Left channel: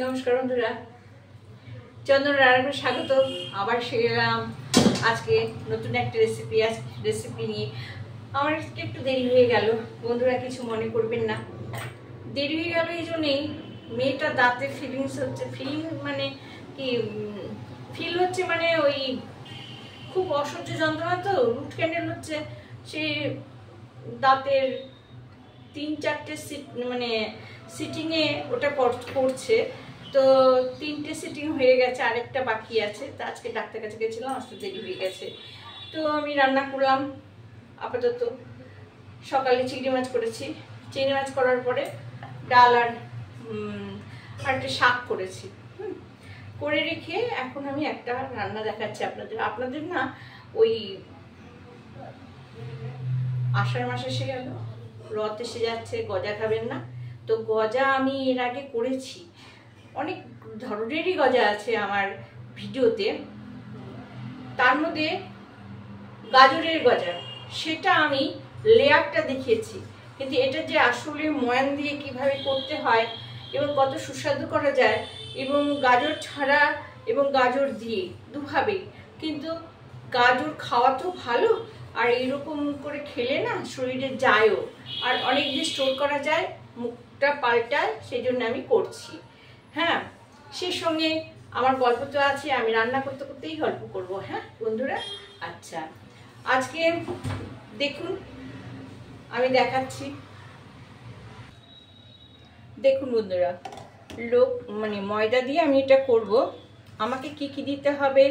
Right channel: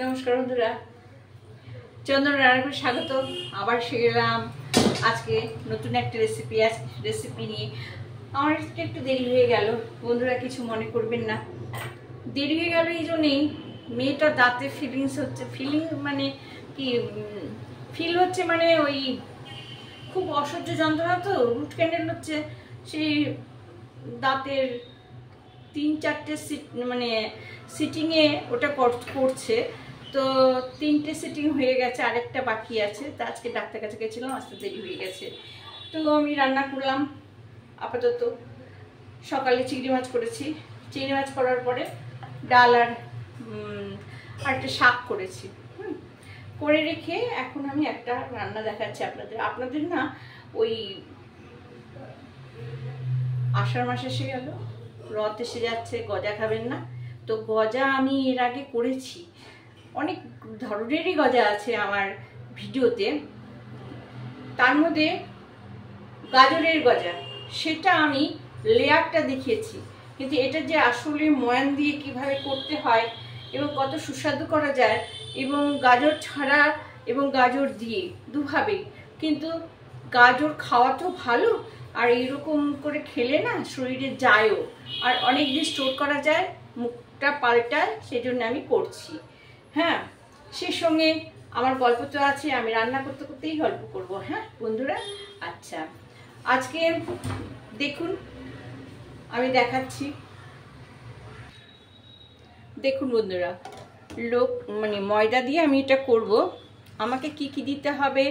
নমস্কার বন্ধুরা, চন্দন রান্নাঘরে স্বাগত। আবার ফিরে এলাম আজকে নতুন একটা রেসিপি নিয়ে। আমার একটু দেরি হয়ে গেল বন্ধুরা, কিছু মনে করবেন না। দেরি হয়ে গেল এই জন্যেই, মেয়েটার দাঁতে মানে কি ফিল হচ্ছে, মানে ওই খুব অসহ্য যন্ত্রণা, তো রুট ক্যান্ডেল হচ্ছে। সেই দাঁতের 3-4টে মানে সিটিংয়ে ওটা করছে। তো 3টে সিটিং হয়ে গেছে, আরেকটা বাকি আছে। তা আজকে ডাক্তার কাছে গেছিলাম, আসতে দেরি হয়ে গেছে। তো আমি রান্না করলাম আপাতত। সকালে চিংড়ি মাছ করেছি, চিংড়ি মাছ করার পরে ডাল আর একটা শাক করেছি। করে রেখে এখন আমি একটা রান্না দেখাচ্ছি আপনাদের না। ওই আষাঢ় মাস এসে গেল, রথ এসে যাচ্ছে, গজা খাবেন না? তো গজা আমি এর আগে করেছি, অনেক ধরনেরই গজা আছে আমার ভিডিওতে। তার মধ্যে গাজরের গজা, সেটা আমি লেয়ারটা দেখিয়েছি, কিন্তু এটা যে আসলে ময়ান দিয়ে কিভাবে করতে হয় এবং কত সুস্বাদু করা যায়, এবং গাজর ছাড়া এবং গাজর দিয়ে দুভাবেই। কিন্তু গাজর খাওয়া তো ভালো, আর এরকম করে খেলে না শরীরে যায়ও, আর অনেক দিন স্টোর করা যায়, মুখটা পাল্টায়, সেই জন্য আমি করছি। হ্যাঁ, সেই সঙ্গে আমার গল্প তো আছে, আমি রান্না করতে করতেই গল্প করব। হ্যাঁ বন্ধুরা, আচ্ছা আজকে দেখুন আমি দেখাচ্ছি। দেখুন বন্ধুরা, মানে ময়দা দিয়ে আমি এটা করব। আমাকে কি কি দিতে হবে:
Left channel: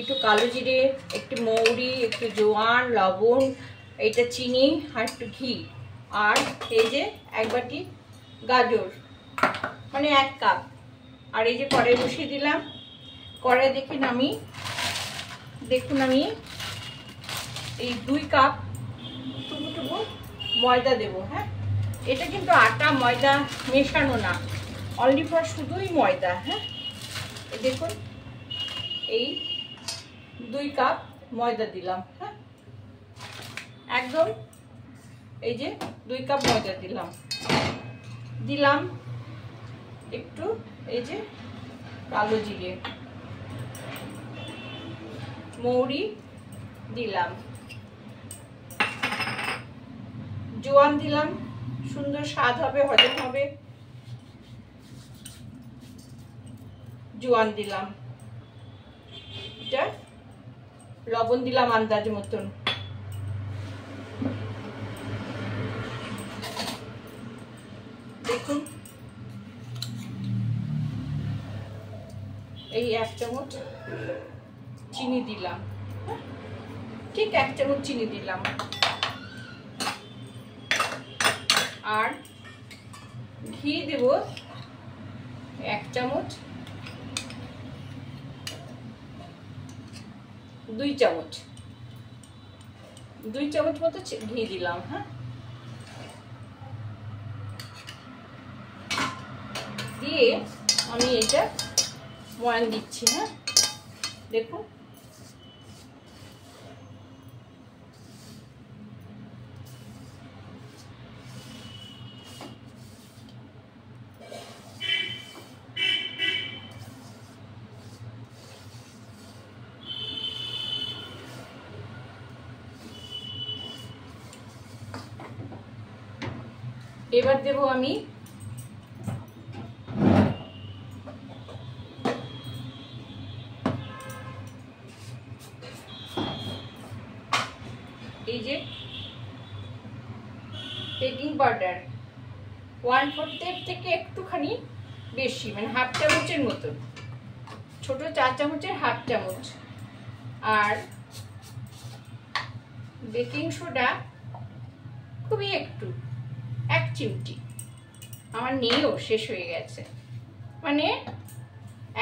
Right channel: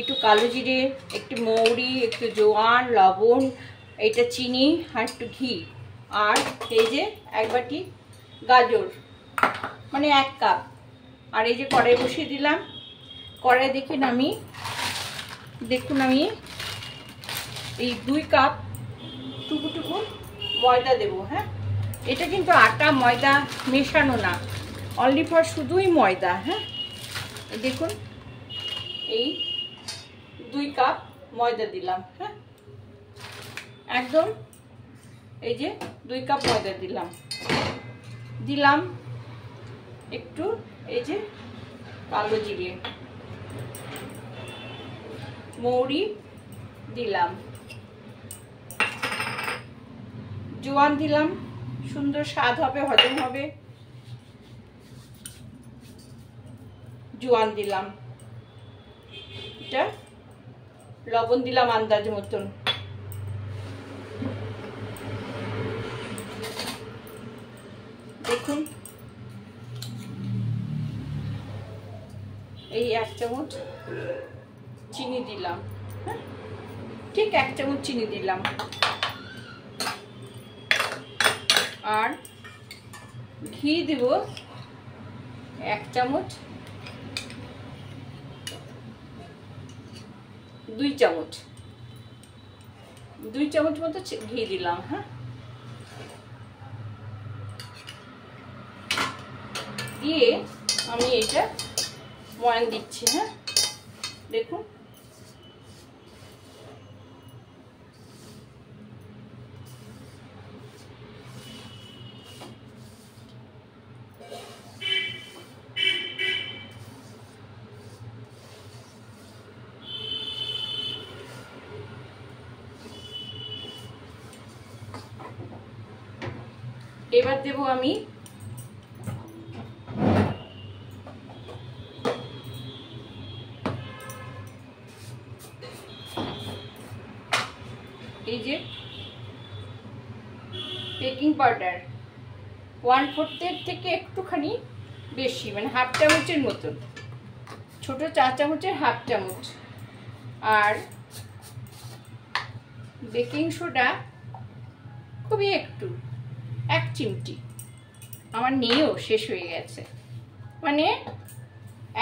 একটু কালো জিরে, একটু মৌরি, একটু জোয়ান, লবণ, এটা চিনি, আর একটু ঘি, আর এই যে 1 বাটি গাজর, মানে 1 কাপ। আর এই যে কড়াই বসিয়ে দিলাম। কড়াই দেখুন আমি এই 2 কাপ টুকু ময়দা দেবো। হ্যাঁ, এটা কিন্তু আটা ময়দা মেশানো না, অনলি ফর শুধুই ময়দা। হ্যাঁ, দেখুন এই 2 কাপ ময়দা দিলাম। হ্যাঁ, একদম এই যে 2 কাপ ময়দা দিলাম একটু এই যে কালো জিরে, মৌরি দিলাম, জোয়ান দিলাম, সুন্দর স্বাদ হবে, হজম হবে। জোয়ান দিলাম, এটা লবণ দিলাম আন্দাজ মতন। দেখুন এই 1 চামচ চিনি দিলাম। ঠিক 1 চামচ চিনি দিলাম, আর ঘি দেব 1 চামচ, 2 চামচ, 2 চামচ মতো ঘি দিলাম। হ্যাঁ, দিয়ে আমি এটা ময়ান দিচ্ছি। হ্যাঁ, দেখুন এবার দেব আমি এই যে বেকিং পাউডার 1/4 থেকে একটুখানি বেশি, মানে 1/2 চামচের মতো, ছোট 4 চামচের 1/2 চামচ। আর বেকিং সোডা খুবই একটু, 1 চিমটি। আমার নিয়েও শেষ হয়ে গেছে, মানে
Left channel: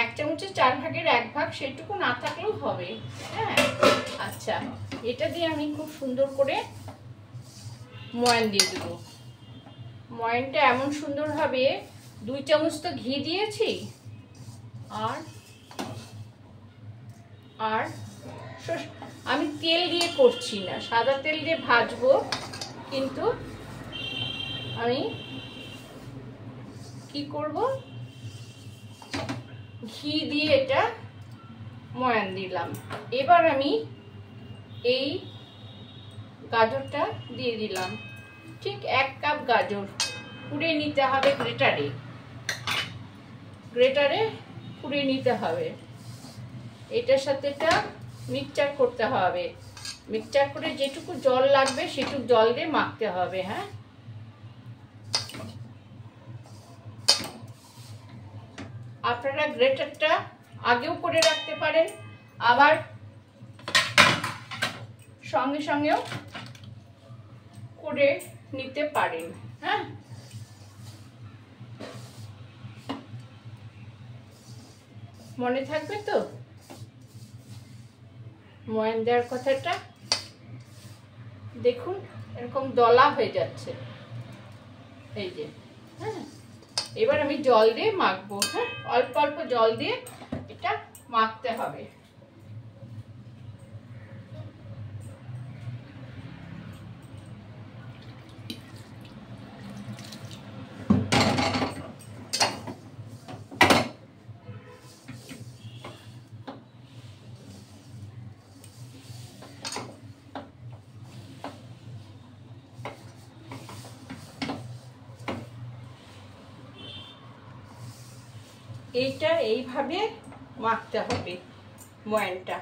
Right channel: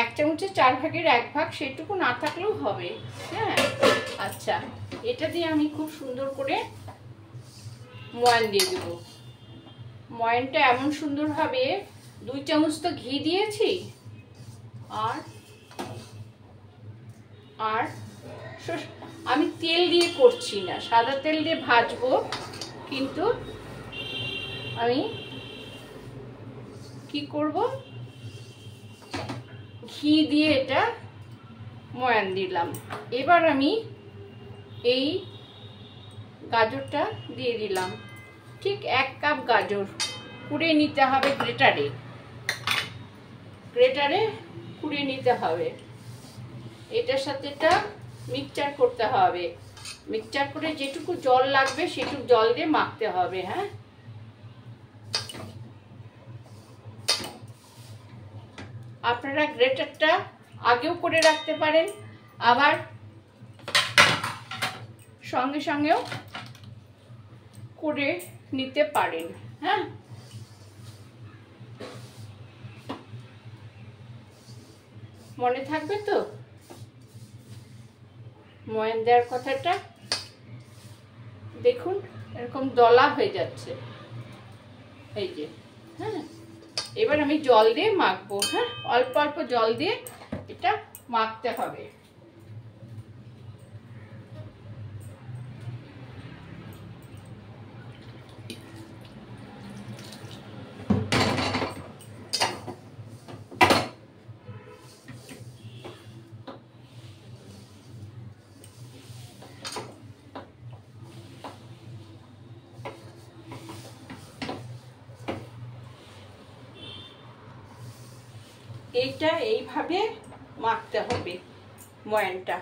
1 চামচের 4 ভাগের 1 ভাগ, সেটুকু না থাকলেও হবে। হ্যাঁ, আচ্ছা এটা দিয়ে আমি খুব সুন্দর করে ময়ান দিয়ে দেব। ময়ানটা এমন সুন্দর হবে, 2 চামচ তো ঘি দিয়েছি, আর আমি তেল দিয়ে করছি না, সাদা তেল দিয়ে ভাজবো, কিন্তু আমি কি করব, ঘি দিয়ে এটা ময়ান দিলাম। এবার আমি এই গাজরটা দিয়ে দিলাম, ঠিক 1 কাপ গাজর কুড়ে নিতে হবে গ্রেটারে, কুড়ে নিতে হবে। এটার সাথে এটা মিক্সচার করতে হবে, মিক্সচার করে যেটুকু জল লাগবে সেটুকু জল দিয়ে মাখতে হবে। হ্যাঁ, আপনারা গ্রেটারটা আগেও করে রাখতে পারেন, আবার সঙ্গে সঙ্গেও করে নিতে পারেন। হ্যাঁ, মনে থাকবে তো ময়ান দেওয়ার কথাটা? দেখুন এরকম দলা হয়ে যাচ্ছে, এই যে। হ্যাঁ, এবার আমি জল দিয়ে মাখবো। হ্যাঁ, অল্প অল্প জল দিয়ে এটা মাখতে হবে। এইটা এইভাবে মাখতে হবে ময়ানটা।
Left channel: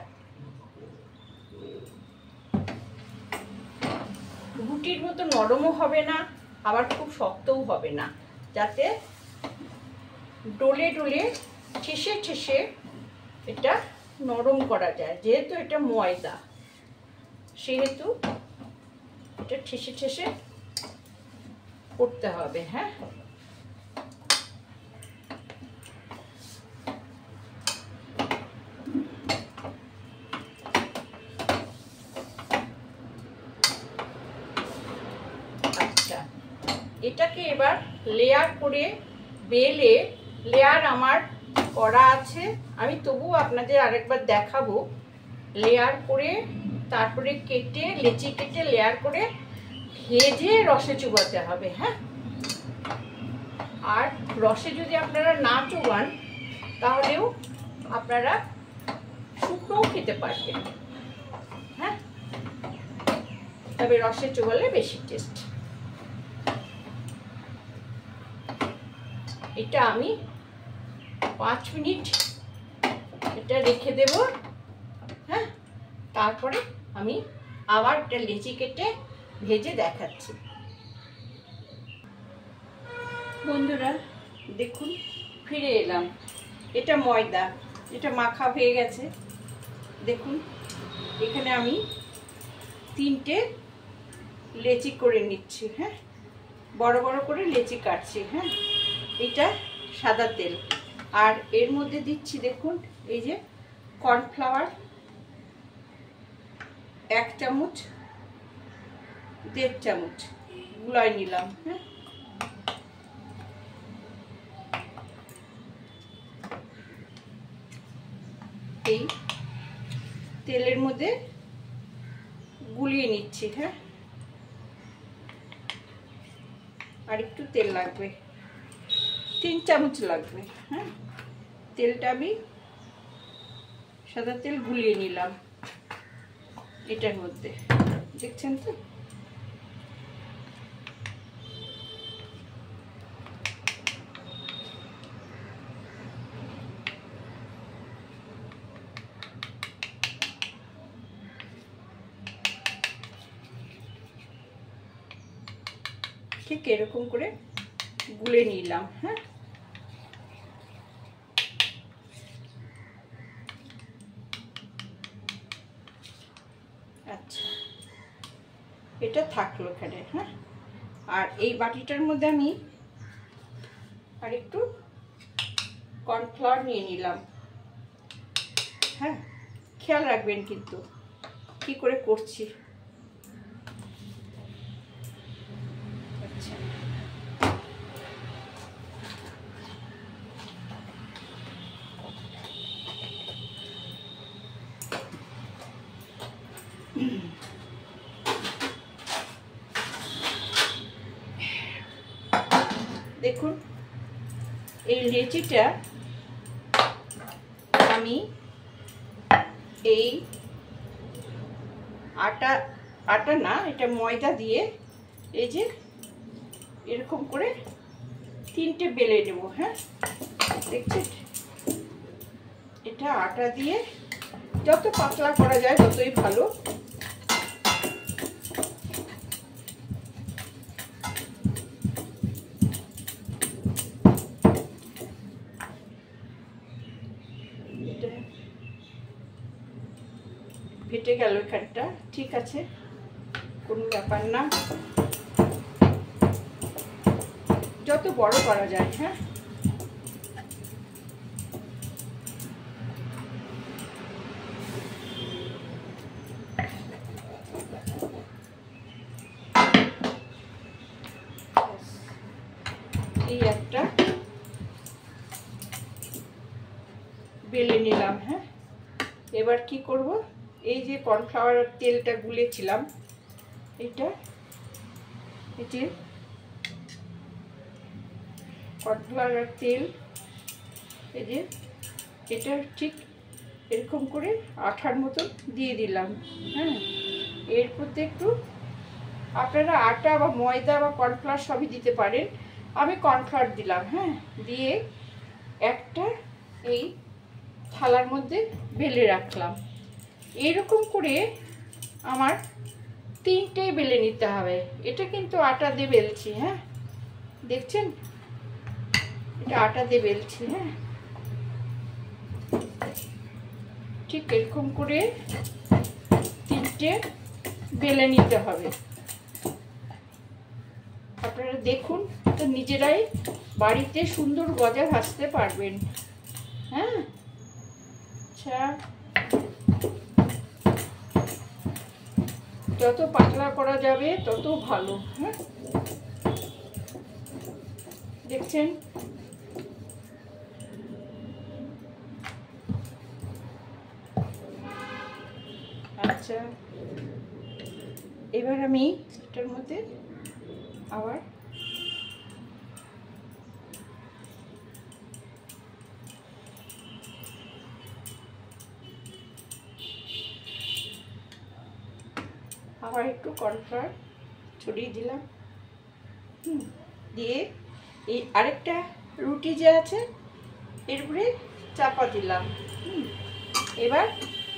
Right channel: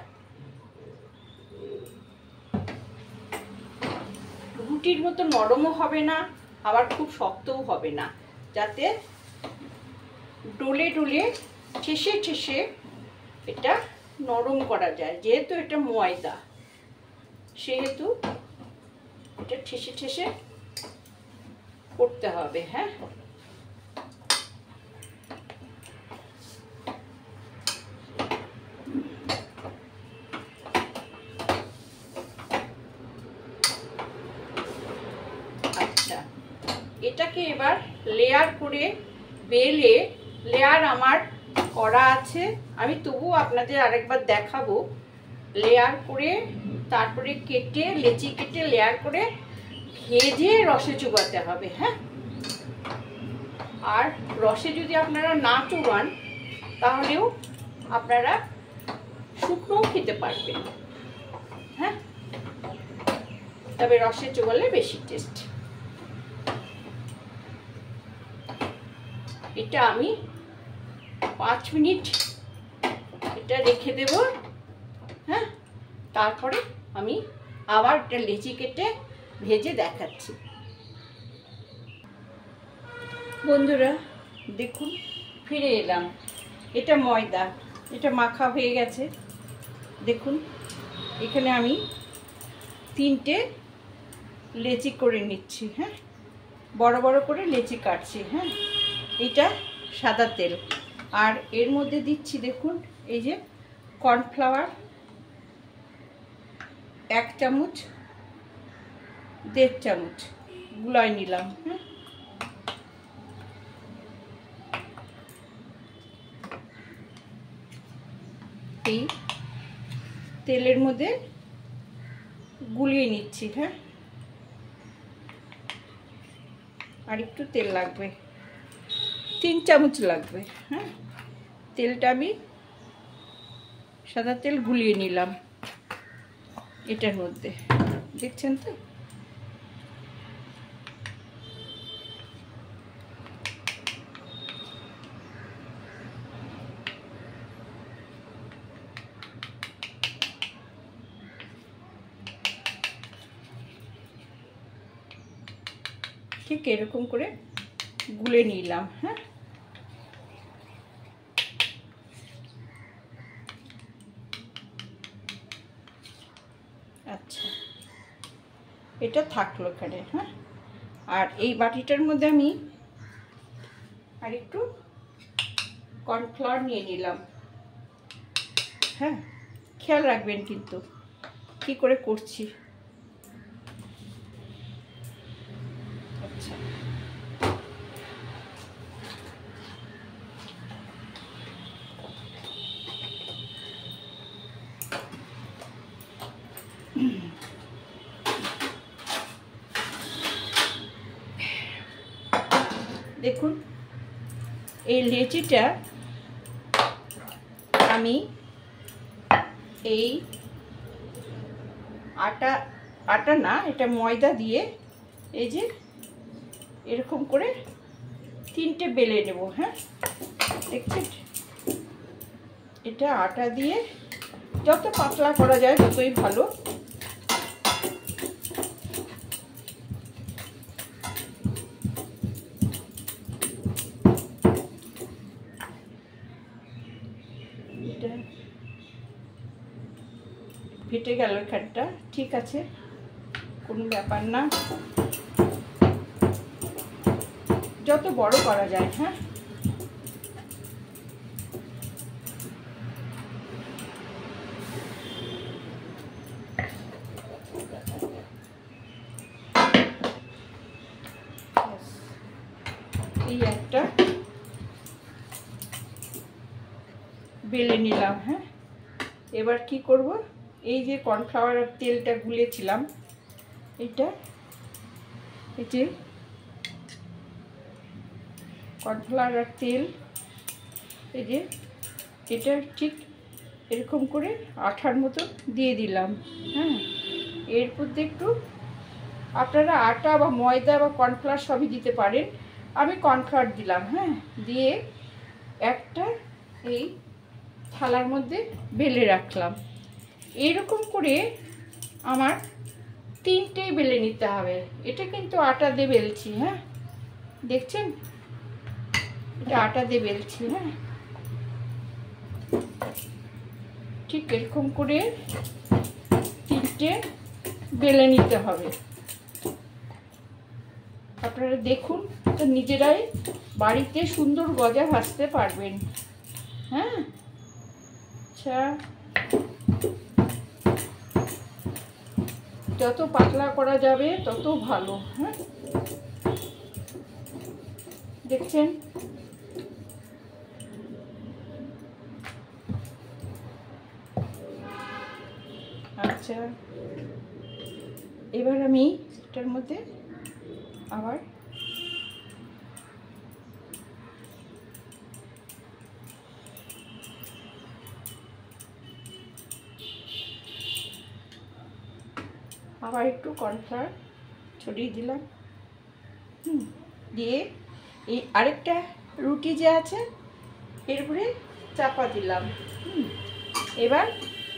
রুটির মতো নরমও হবে না, আবার খুব শক্তও হবে না, যাতে ডলে ডলে ঠেসে ঠেসে এটা নরম করা যায়। যেহেতু এটা ময়দা, সেহেতু এটা ঠেসে ঠেসে করতে হবে। হ্যাঁ, এটাকে এবার লেয়ার করে বেলে, লেয়ার আমার করা আছে, আমি তবুও আপনাদের আরেকবার দেখাবো। লেয়ার করে তারপরে কেটে, লেচি কেটে লেয়ার করে ভেজে রসে চুবাতে হবে। হ্যাঁ, আর রসে যদি আপনারা না চুবান তাহলেও আপনারা শুকনোও খেতে পারবেন। হ্যাঁ, তবে রসে চুবালে বেশি টেস্ট। এটা আমি 5 মিনিট এটা রেখে দেব। হ্যাঁ, তারপরে আমি আবার একটা লেচি কেটে ভেজে দেখাচ্ছি। বন্ধুরা দেখুন, ফিরে এলাম। এটা ময়দা, এটা মাখা হয়ে গেছে। দেখুন এখানে আমি 3টে লেচি করে নিচ্ছি। হ্যাঁ, বড় বড় করে লেচি কাটছি। হ্যাঁ, এটা সাদা তেল, আর এর মধ্যে দিচ্ছি দেখুন এই যে কর্নফ্লাওয়ার 1 চামচ, 1.5 চামচ গুলাই নিলাম। হ্যাঁ, এই তেলের মধ্যে গুলিয়ে নিচ্ছি। হ্যাঁ, আর একটু তেল লাগবে, 3 চামচ লাগবে। হ্যাঁ, তেলটা আমি সাদা তেল গুলিয়ে নিলাম এটার মধ্যে, দেখছেন তো? ঠিক এরকম করে গুলে নিলাম। হ্যাঁ, আচ্ছা, এটা থাকলো এখানে। হ্যাঁ, আর এই বাটিটার মধ্যে আমি আর একটু কর্নফ্লাওয়ার নিয়ে নিলাম। হ্যাঁ, খেয়াল রাখবেন কিন্তু কি করে করছি। আচ্ছা, দেখুন এই লেচিটা আমি এই আটা না, এটা ময়দা দিয়ে এই যে এরকম করে 3টে বেলে নেব। হ্যাঁ, দেখছেন, এটা আটা দিয়ে যত পাতলা করা যায় ততই ভালো। ফেটে গেল এখানটা, ঠিক আছে, কোনো ব্যাপার না, যত বড় করা যায়। হ্যাঁ, এই একটা বেলে নিলাম। হ্যাঁ, এবার কি করব, এই যে কর্নফ্লাওয়ারের তেলটা গুলেছিলাম, এটা এই যে কর্নফ্লাওয়ারের তেল, এই যে এটা ঠিক এরকম করে আঠার মতো দিয়ে দিলাম। হ্যাঁ, এর মধ্যে একটু আপনারা আটা বা ময়দা বা কর্নফ্লাওয়ার সবই দিতে পারেন, আমি কর্নফ্লাওয়ার দিলাম। হ্যাঁ, দিয়ে একটা এই থালার মধ্যে বেলে রাখলাম। এরকম করে আমার 3টে বেলে নিতে হবে। এটা কিন্তু আটা দিয়ে বেলছি। হ্যাঁ, দেখছেন, এটা আটা দিয়ে বেলছি। হ্যাঁ, ঠিক এরকম করে 3টে বেলে নিতে হবে। আপনারা দেখুন তো নিজেরাই বাড়িতে সুন্দর গজা ভাজতে পারবেন। হ্যাঁ, আচ্ছা, যত পাতলা করা যাবে তত ভালো। হ্যাঁ, দেখছেন, আচ্ছা, এবার আমি এটার মধ্যে আবার একটু কর্নফ্লাওয়ার ছড়িয়ে দিলাম। দিয়ে এই আরেকটা রুটি যে আছে এর উপরে চাপা দিলাম। এবার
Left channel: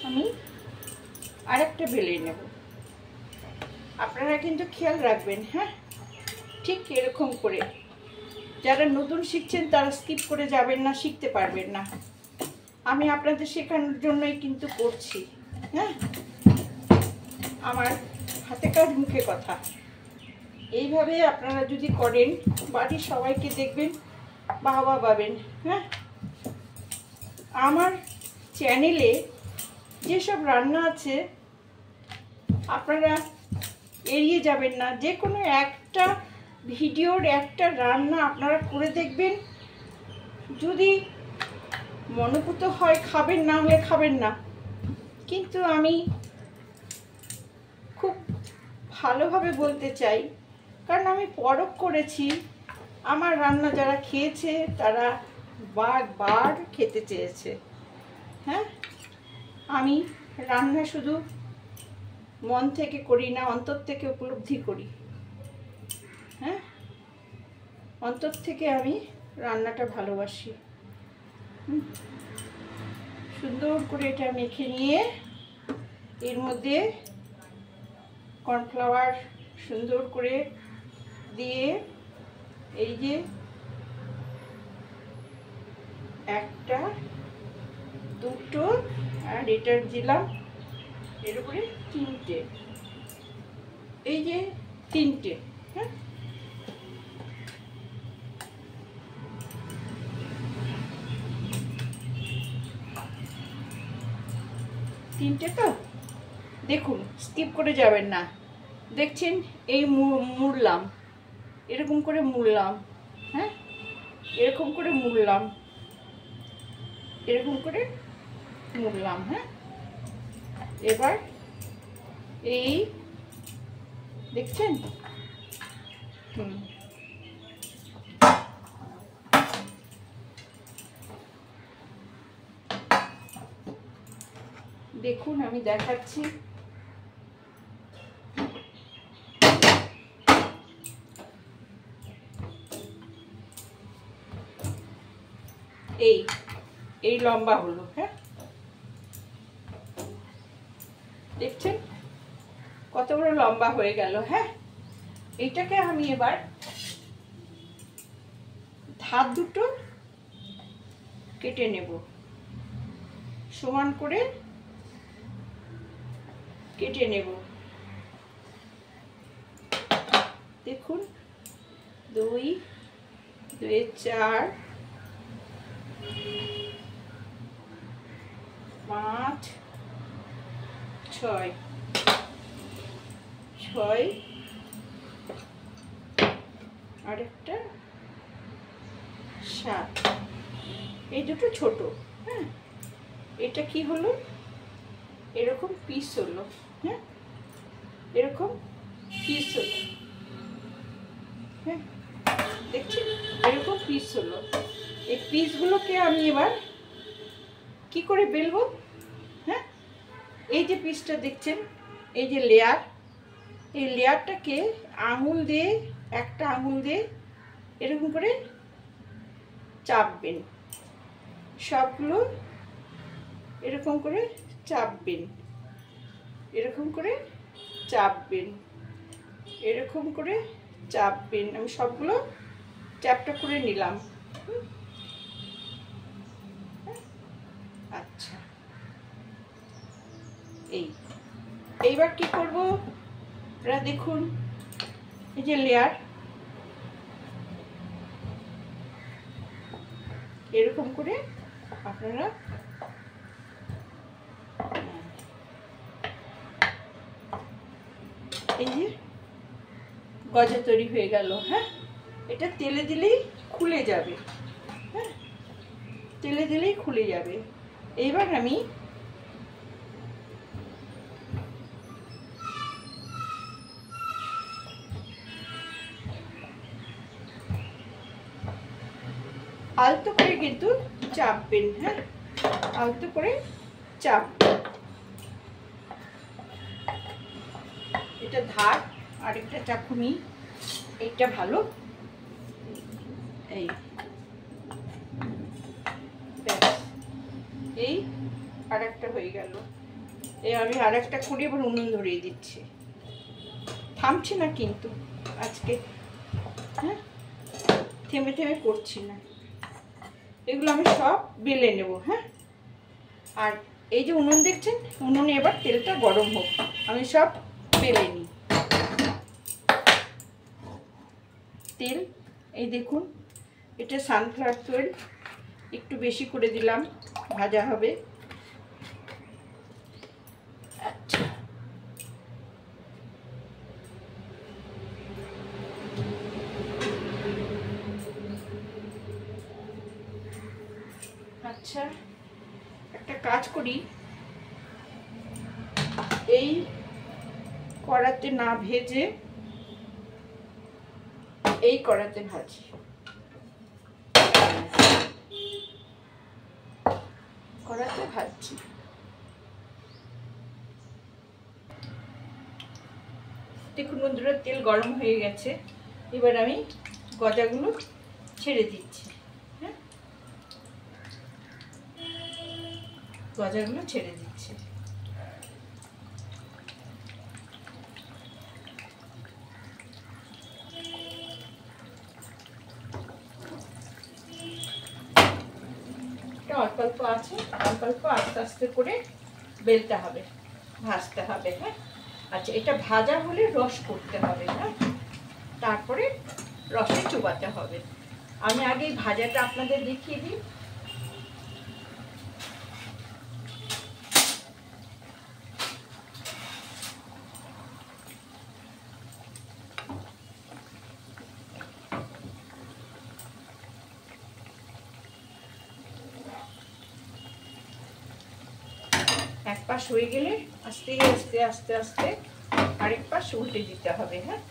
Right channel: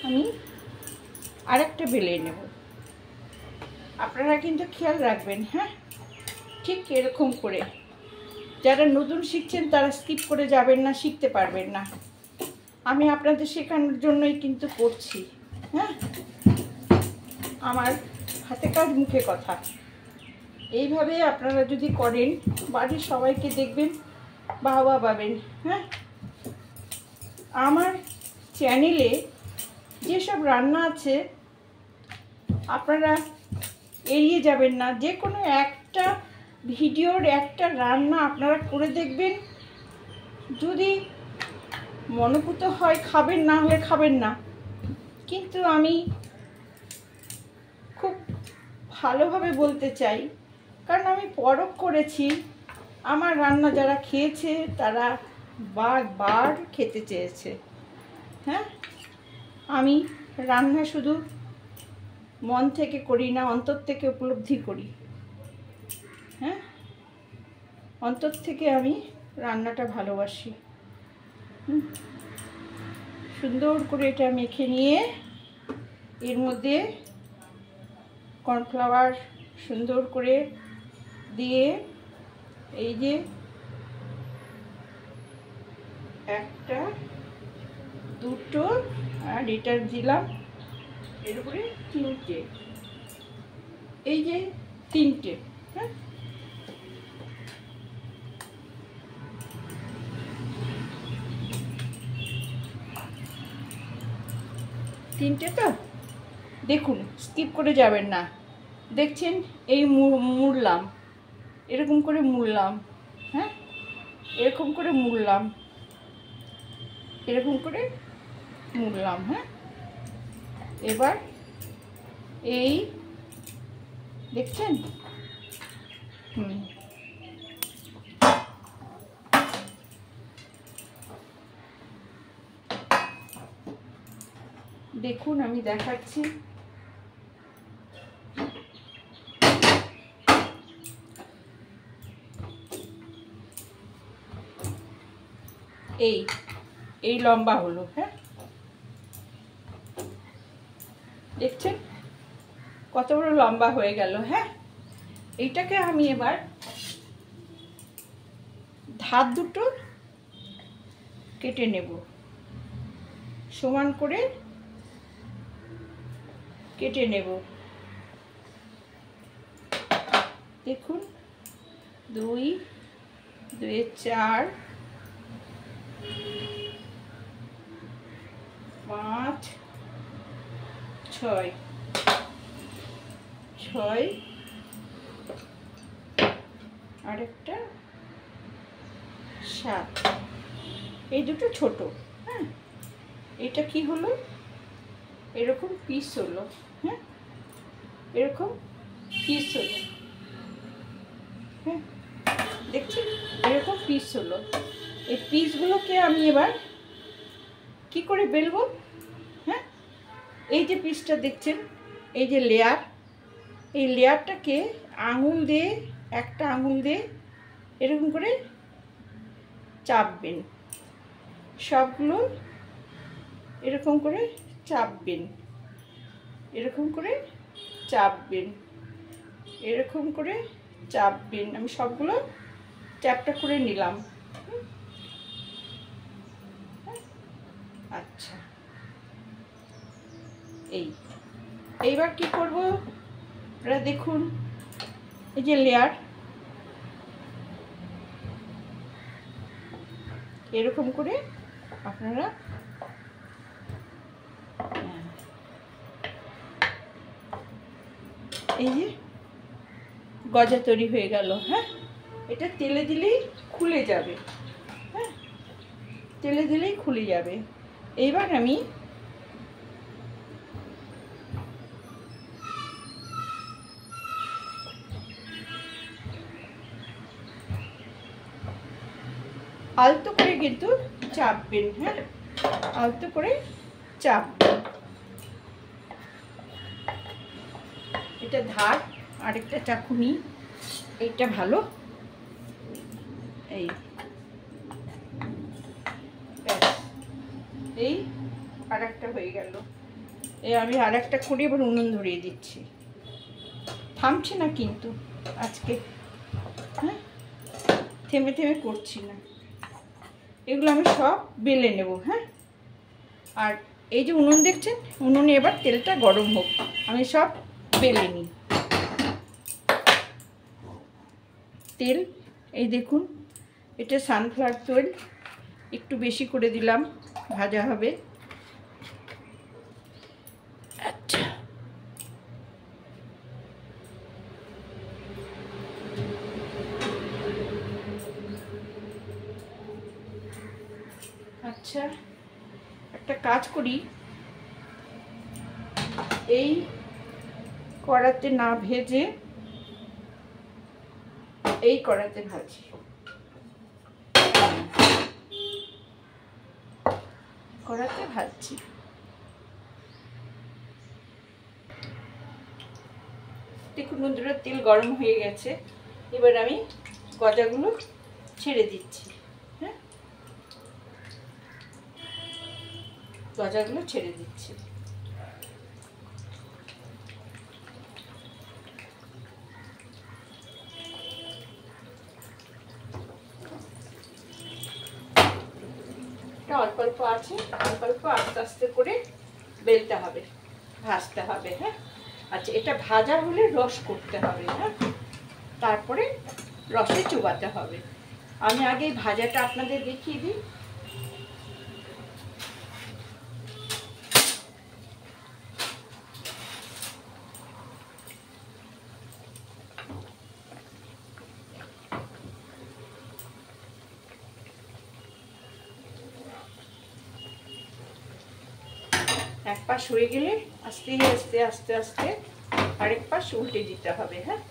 আমি আরেকটা বেলে নেব। আপনারা কিন্তু খেয়াল রাখবেন। হ্যাঁ, ঠিক এরকম করে, যারা নতুন শিখছেন তারা স্কিপ করে যাবেন না, শিখতে পারবেন না। আমি আপনাদের শেখানোর জন্যই কিন্তু করছি। হ্যাঁ, আমার হাতে কাজ মুখে কথা, এইভাবে আপনারা যদি করেন বাড়ির সবাইকে দেখবেন বাহবা পাবেন। হ্যাঁ, আমার চ্যানেলে যেসব রান্না আছে আপনারা এড়িয়ে যাবেন না। যে কোনো একটা ভিডিওর একটা রান্না আপনারা করে দেখবেন, যদি মনোভূত হয় খাবেন, না হলে খাবেন না। কিন্তু আমি খুব ভালোভাবে বলতে চাই, কারণ আমি পরখ করেছি, আমার রান্না যারা খেয়েছে তারা বারবার খেতে চেয়েছে। হ্যাঁ, আমি রান্না শুধু মন থেকে করি না, অন্তর থেকে উপলব্ধি করি। হ্যাঁ, অন্তর থেকে আমি রান্নাটা ভালোবাসি। সুন্দর করে এটা মেখে নিয়ে এর মধ্যে কর্নফ্লাওয়ার সুন্দর করে দিয়ে, এই যে একটা, দুটো, আর এটা দিলাম এর উপরে 3টে, এই যে 3টে। হ্যাঁ, তিনটে তো দেখুন, স্কিপ করে যাবেন না। দেখছেন, এই মুড়লাম, এরকম করে মুড়লাম। হ্যাঁ, এরকম করে মুড়লাম, এরকম করে মুড়লাম। হ্যাঁ, এবার এই দেখছেন, দেখুন আমি দেখাচ্ছি। এই লম্বা হলো। হ্যাঁ, দেখছেন কত বড় লম্বা হয়ে গেল। হ্যাঁ, এইটাকে আমি এবার ধার দুটো কেটে নেব, সমান করে কেটে নেব। দেখুন 2 2 4 5 6 6 আরেকটা 7। এই দুটো ছোট। হ্যাঁ, এটা কি হলো, এরকম পিস হলো। হ্যাঁ, এরকম পিস হলো। হ্যাঁ, দেখছেন এরকম পিস হলো। এই পিসগুলোকে আমি এবার কি করে বেলবো? হ্যাঁ, এই যে পিসটা দেখছেন, এই যে লেয়ার, এই লেয়ারটাকে আঙুল দিয়ে, একটা আঙুল দিয়ে এরকম করে চাপবেন। সবগুলো এরকম করে চাপবেন, এরকম করে চাপবেন, এরকম করে চাপবেন। আমি সবগুলো চ্যাপটা করে নিলাম। আচ্ছা, এইবার কি করব? আপনারা দেখুন, এই যে লেয়ার, এরকম করে আপনারা এই যে গজা তৈরি হয়ে গেল। হ্যাঁ, এটা তেলে দিলেই খুলে যাবে। হ্যাঁ, তেলে দিলেই খুলে যাবে। এইবার আমি আলতো করে কিন্তু চাপবেন। হ্যাঁ, আলতো করে চাপবেন। এটা ধার, আরেকটা চাকুনি, এইটা ভালো। এই আরেকটা হয়ে গেল। আমি আরেকটা করে এবার উনুন ধরিয়ে দিচ্ছি। থামছি না কিন্তু আজকে। হ্যাঁ, থেমে থেমে করছি না। এগুলো আমি সব বেলে নেব। হ্যাঁ, আর এই যে উনুন দেখছেন, উনুনে এবার তেলটা গরম হোক, আমি সব বেলে নিই। তেল এই দেখুন, এটা সানফ্লাওয়ার তেল, একটু বেশি করে দিলাম, ভাজা হবে। আচ্ছা, আচ্ছা, একটা কাজ করি, এই কড়াতে না ভেজে এই কড়াতে ভাজি। কড়াতে ভাজছি। দেখুন বন্ধুরা, তেল গরম হয়ে গেছে। এবার আমি গজাগুলো ছেড়ে দিচ্ছি। হ্যাঁ, গজাগুলো ছেড়ে দিচ্ছি। অল্প অল্প আছে, অল্প অল্প আস্তে আস্তে করে বেলতে হবে, ভাজতে হবে। হ্যাঁ, আচ্ছা, এটা ভাজা হলে রস করতে হবে। হ্যাঁ, তারপরে রসে চুবাতে হবে। আমি আগে ভাজাটা আপনাদের দেখিয়ে দিই। এক পাশ হয়ে গেলে আস্তে আস্তে আস্তে আস্তে আরেক পাশ উল্টে দিতে হবে। হ্যাঁ,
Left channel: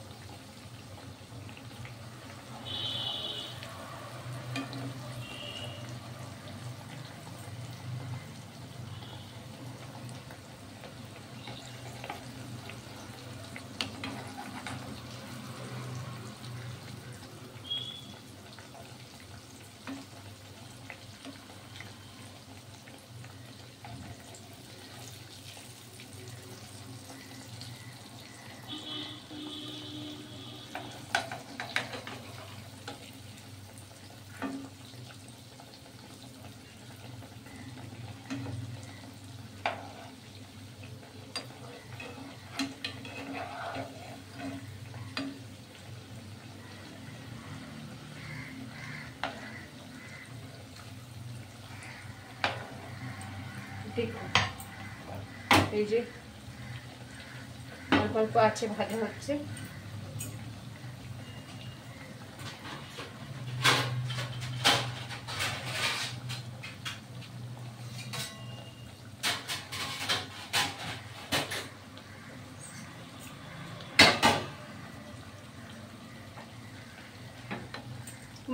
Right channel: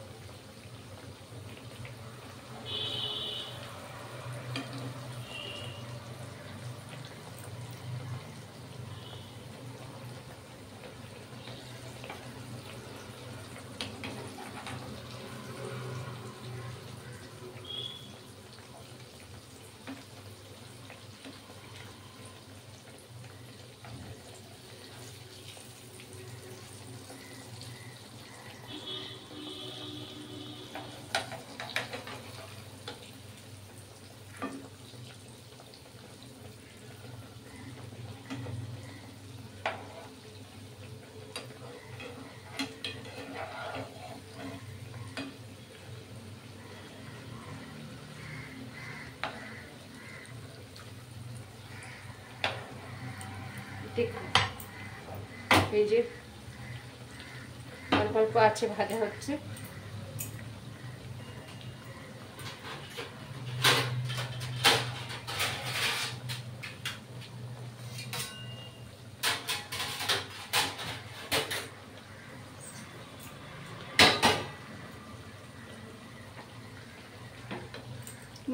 দেখুন এই যে অল্প অল্প আছে ভাজা হচ্ছে।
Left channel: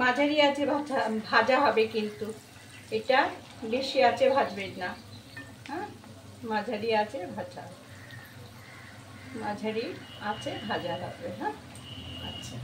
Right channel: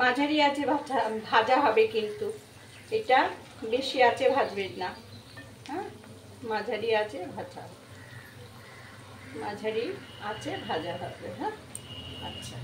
মাঝারি আছে ভাজা হবে, কিন্তু এটা বেশি আছে ভাজবেন না। হ্যাঁ, মাঝারি আছে ভাজা, মাঝারি আছে ভাজা হবে। হ্যাঁ, আচ্ছা।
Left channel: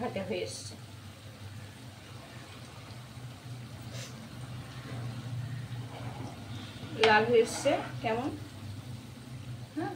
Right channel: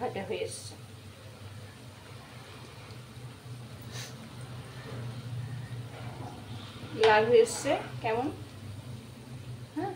ভাজা হয়ে এসছে। লাল হয়ে এসছে কেমন। হ্যাঁ,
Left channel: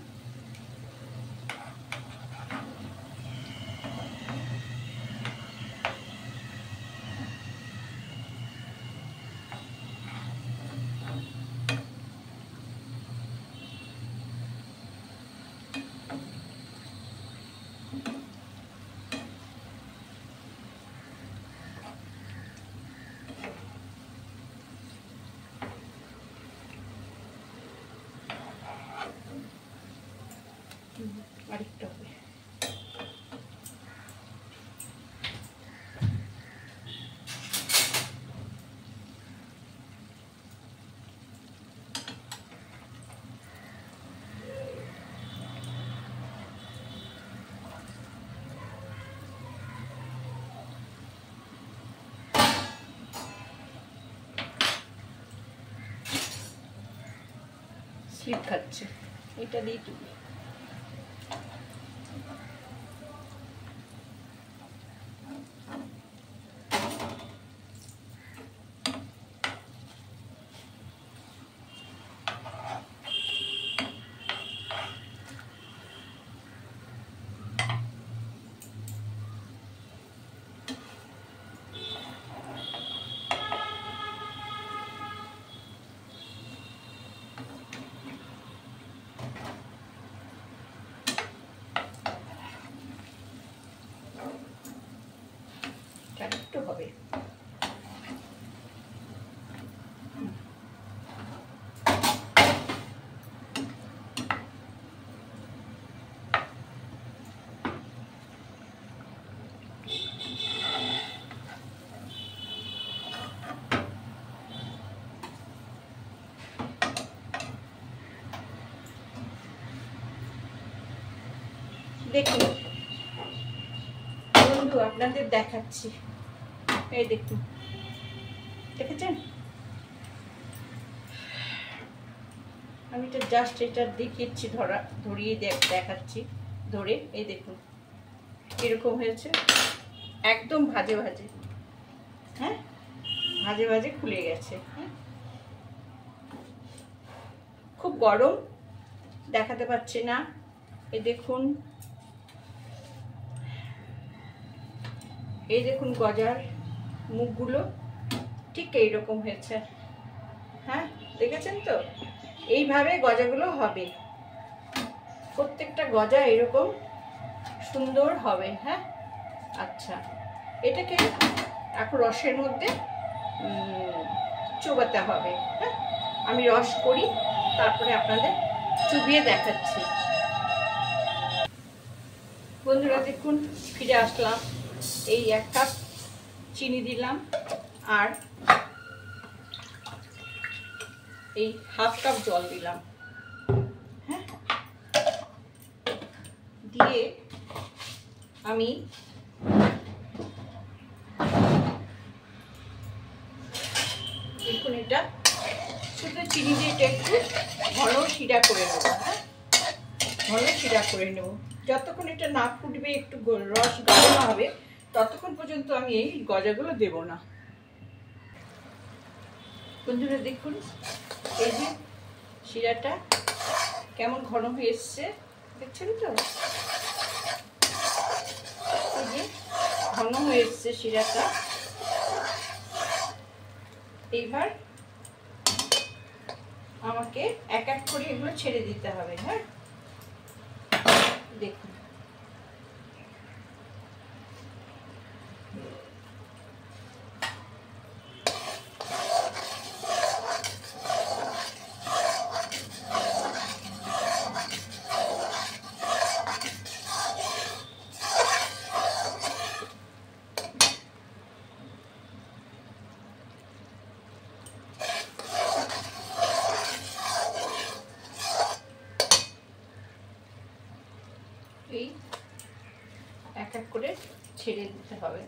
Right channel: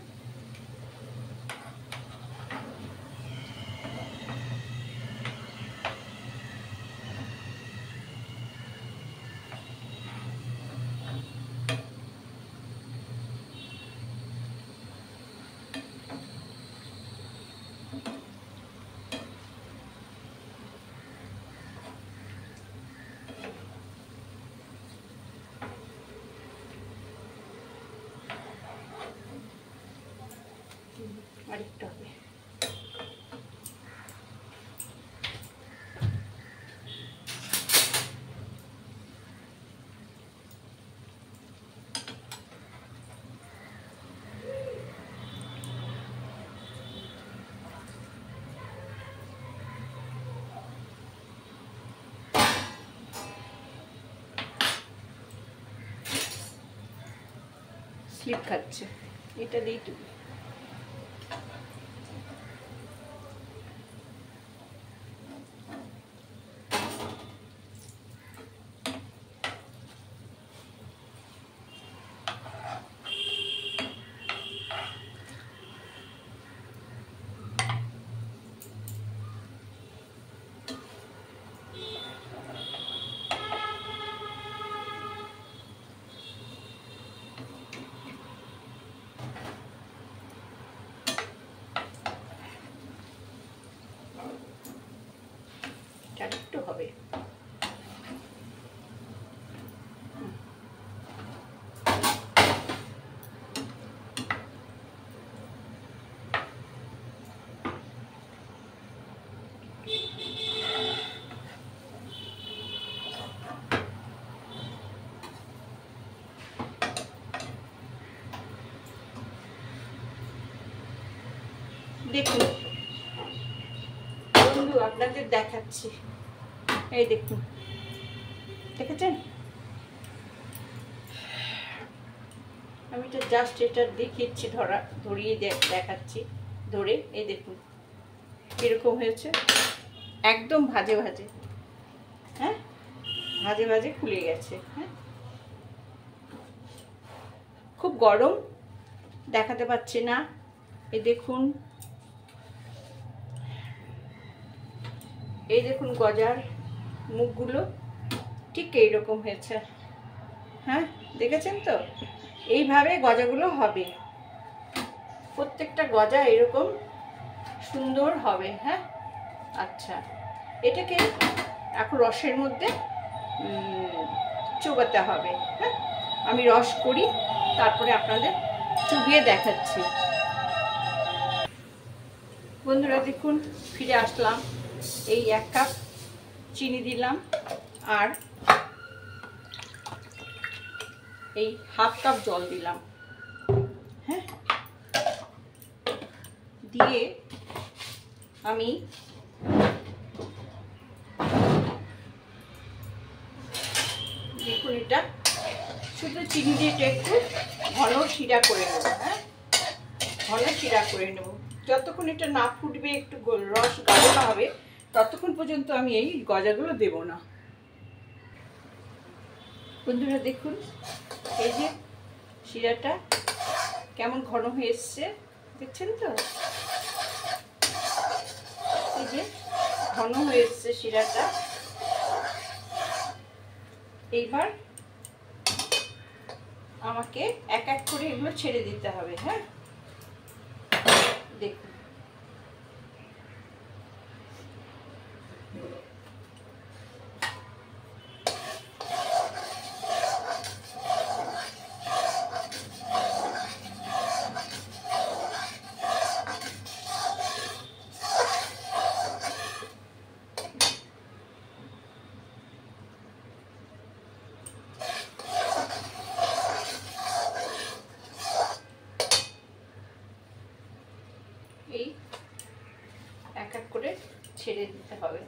আরেকটা হবে। স্লিপ খাচ্ছে, এটা দিয়ে টুকু। একটু হবে। দেখুন বন্ধু, আপনাদের দেখাচ্ছি, এই দেখুন, দেখেছেন? আমি তো জাস্ট এটা দেখিয়েছি, ধরিয়ে দেখাচ্ছি ধরে। এই দেখুন এরকম হয়েছে, একদম ভাজে ভাজে। হ্যাঁ, ভাজে ভাজে ফুলে গেছে। হ্যাঁ, খুব গরম, দেখাতে পাচ্ছি না। এই দেখুন, গজার মুখগুলো ঠিক এইরকম হয়েছে। হ্যাঁ, দেখেছেন তো? এইভাবে গজাগুলো হবে, প্রত্যেকটা গজা এরকম সুন্দর হবে। হ্যাঁ, আচ্ছা, এটাকে এখন রসের মধ্যে চুবাতে হবে। হ্যাঁ, আমি রস করি, তারপরে আপনাদের চুবিয়ে দেখাচ্ছি। বন্ধুরা দেখুন, ফিরে আসলাম। এই 1 কাপ চিনি দিলাম, আর এই 1/2 কাপ জল দিলাম। হ্যাঁ, দিয়ে আমি দেখুন, এটা শুধু চিনি দিয়ে একটু ঘন শিরা করে নেব। হ্যাঁ, ঘন শিরা করে নেব। যতক্ষণ এটা না ফুটবে, একটু রস গাঢ় না হবে, ততক্ষণ পর্যন্ত আমি এই গজাগুলো দেব না। বন্ধুরা দেখুন, এই যে শিরাটা কেমন ঘন হয়ে এসছে, দেখছেন তো? এই যে ঘন হয়ে এসছে শিরাটা। এইবার আমাকে এক এক করে এগুলো ছেড়ে দিতে হবে। হ্যাঁ, দেখুন, এই এক এক করে ছেড়ে দিতে হবে।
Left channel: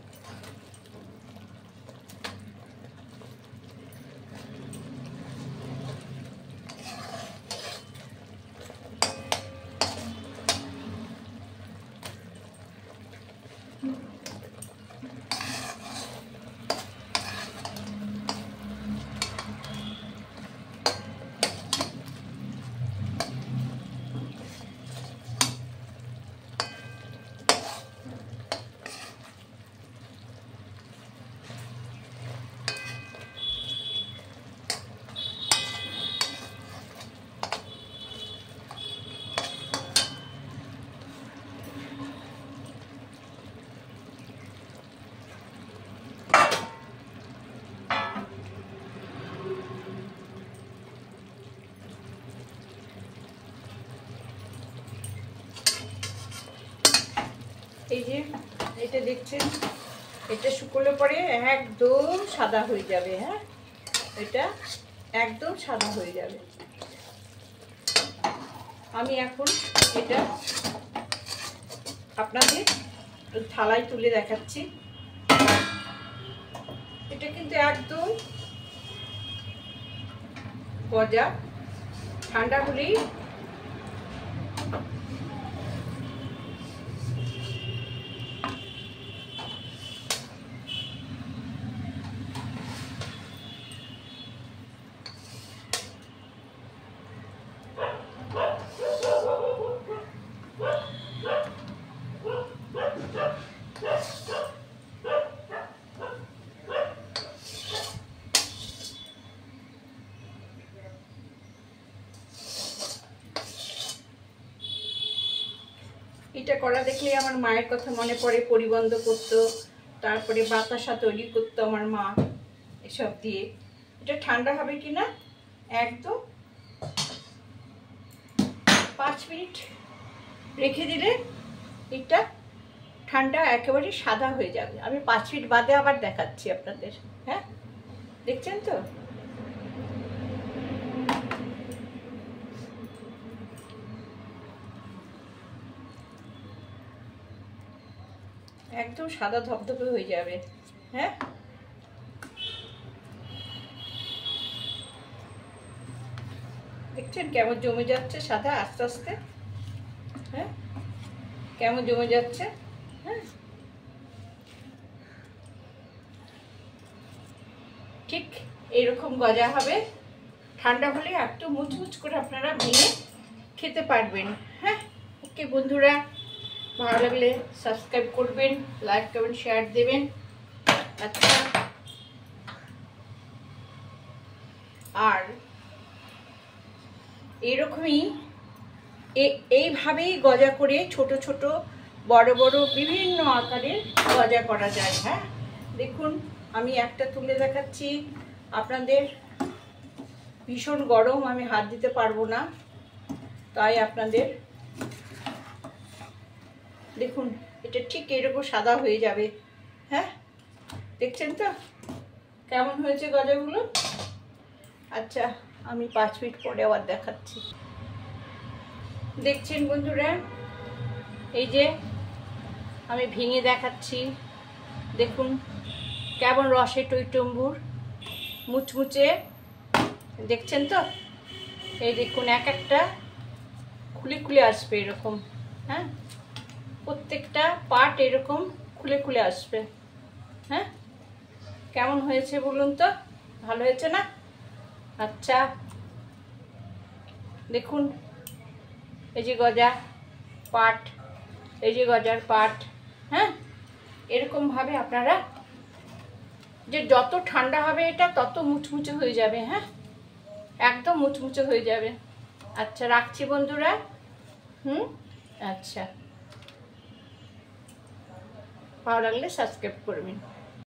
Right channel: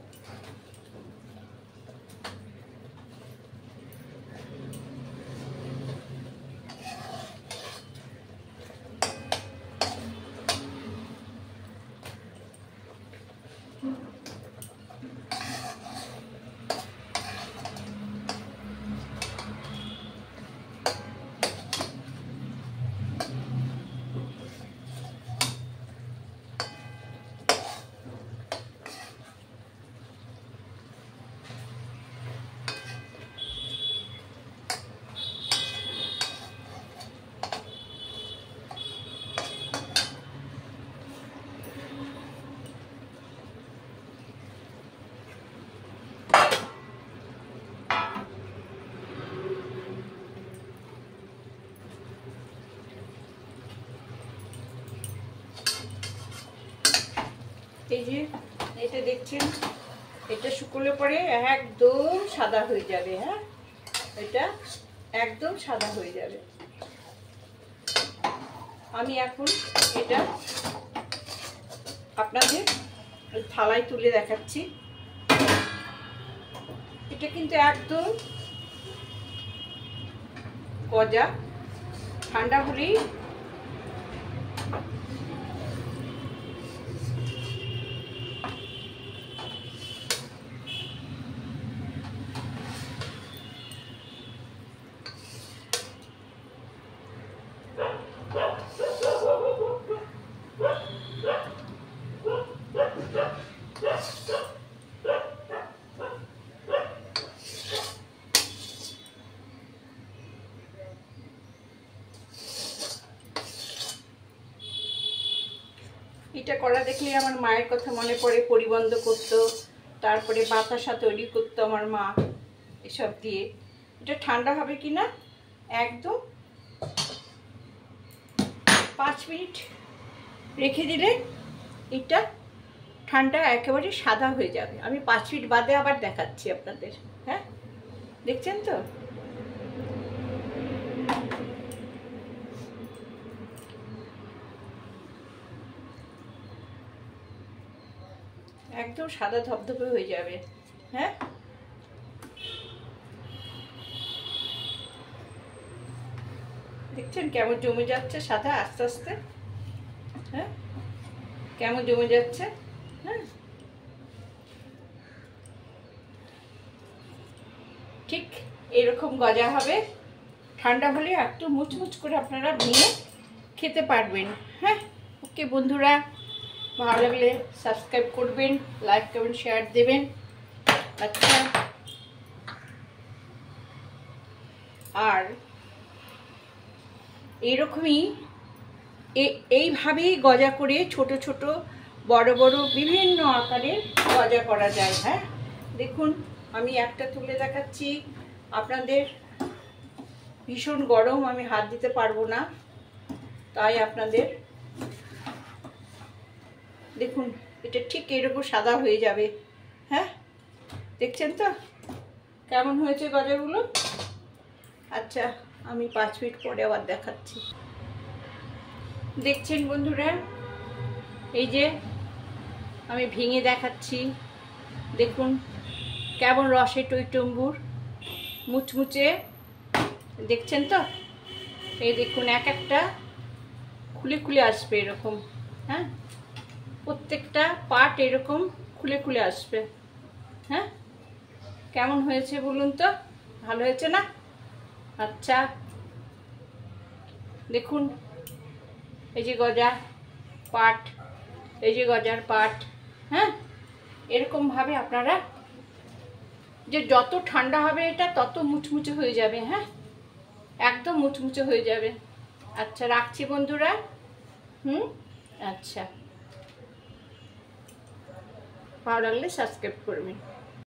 এই যে এটা দেখছেন, এটা শুকোলে পরে একদম সাদা হয়ে যাবে। হ্যাঁ, এটা একদম সাদা হয়ে যাবে। আমি এখন এটা আপনাদের থালায় তুলে দেখাচ্ছি। এটা কিন্তু একদম গজা, ঠান্ডা হলেই এটা করা দেখলে আমার মায়ের কথা মনে পড়ে। পরিবন্ধ করতো, তারপরে বাতাসা তৈরি করতো আমার মা এসব দিয়ে। এটা ঠান্ডা হবে কিনা একদম 5 মিনিট রেখে দিলে এটা ঠান্ডা একেবারে সাদা হয়ে যাবে। আমি 5 মিনিট বাদে আবার দেখাচ্ছি আপনাদের। হ্যাঁ, দেখছেন তো? একদম সাদা ধবধবে হয়ে যাবে। হ্যাঁ, দেখছেন কেমন জমে যাচ্ছে সাদা আস্তে আস্তে। হ্যাঁ, কেমন জমে যাচ্ছে। হ্যাঁ, ঠিক এরকম গজা হবে। ঠান্ডা হলে একটু মুচমুচ করে আপনারা ভেঙে খেতে পারবেন। হ্যাঁ, ওকে বন্ধুরা, ভালো লাগলে সাবস্ক্রাইব করবেন, লাইক কমেন্ট শেয়ার দেবেন। আচ্ছা, আর এরকমই এইভাবেই গজা করে ছোট ছোট বড় বড় বিভিন্ন আকারের গজা করা যায়। হ্যাঁ, দেখুন আমি একটা তুলে দেখাচ্ছি আপনাদের। ভীষণ গরম, আমি হাত দিতে পারবো না, তাই আপনাদের দেখুন এটা ঠিক এরকম সাদা হয়ে যাবে। হ্যাঁ, দেখছেন তো কেমন হয়েছে গজাগুলো? আচ্ছা, আমি 5 মিনিট পরে আবার দেখাচ্ছি। দেখছেন বন্ধুরা, এই যে আমি ভেঙে দেখাচ্ছি, দেখুন কেমন রসে টইটম্বুর, মুচমুচে। দেখছেন তো? এই দেখুন এক একটা খুলে খুলে আসবে এরকম। হ্যাঁ, প্রত্যেকটা পার্ট এরকম খুলে খুলে আসবে। হ্যাঁ, কেমন হয়েছে বলুন তো? ভালো হয়েছে না? আচ্ছা, দেখুন এই যে গজা পাট, এই যে গজার পাট। হ্যাঁ, এরকমভাবে আপনারা, যে যত ঠান্ডা হবে এটা তত মুচমুচে হয়ে যাবে। হ্যাঁ, একদম মুচমুচে হয়ে যাবে। আচ্ছা, রাখছি বন্ধুরা। আচ্ছা, ভালো লাগলে সাবস্ক্রাইব করবেন।